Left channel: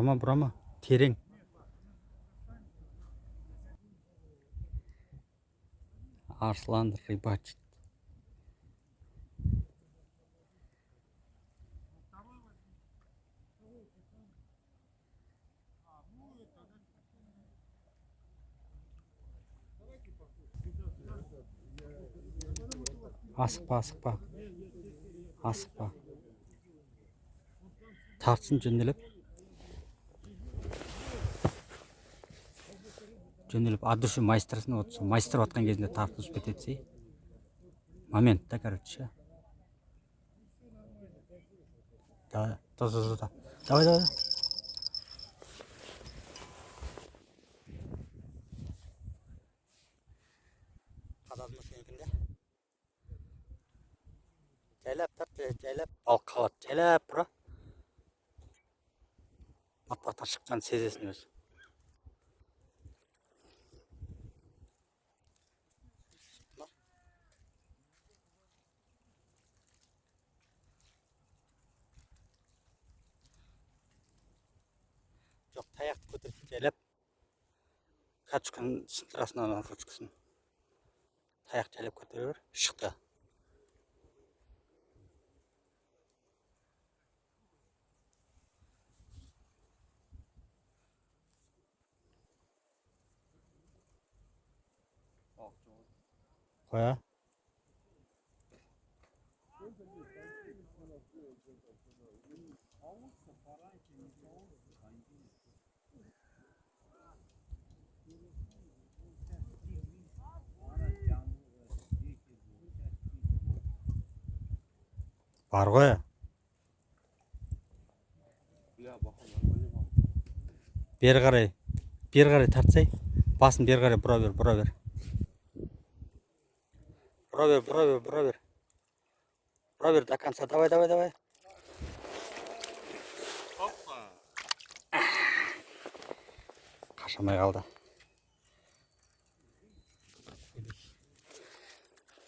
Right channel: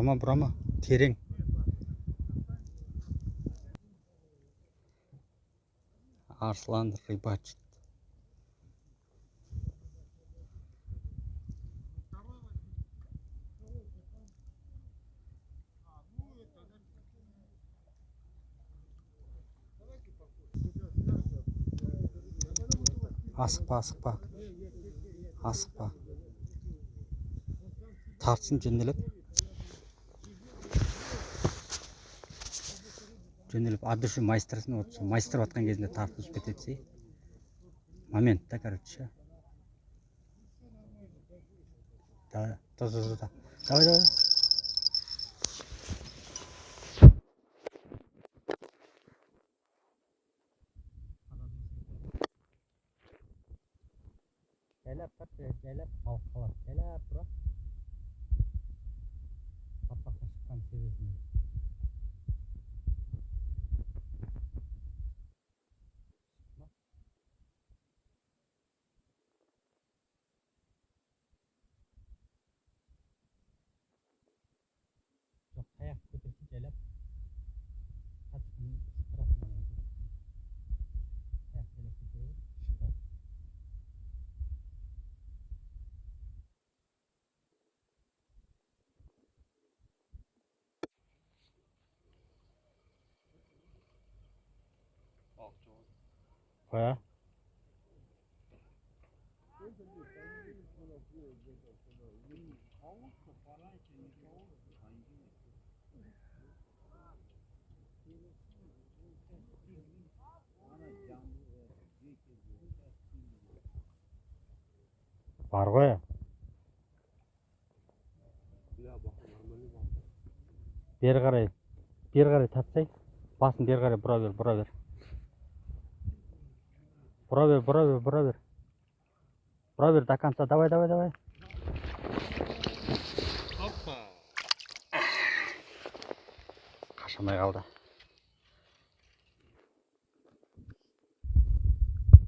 Burama. Tereң. Arslan rыбачит. Асықпа. Тартсын жөнделіп, от души майстырсын, вот майстыр атқан кезінде тартып үзіп кетеді. Момент, да, короче. Давай. Қададымыз сенікінде. Жайлап тарт, жайлап. Балық қалады, жайлап бұра. Батпақтан шыққан сезесін өзі. Жоқ, таяқты көтерсін, жайлап. Качканың сынтырасынан ручкасын. Таяқ жайлап көтере бер, шықты. Қоя. Бар ғой. Бері қарай тартсай. Басын бері қарай бұра бер. Бұра бер до конца. Давай. Қашамай қалды.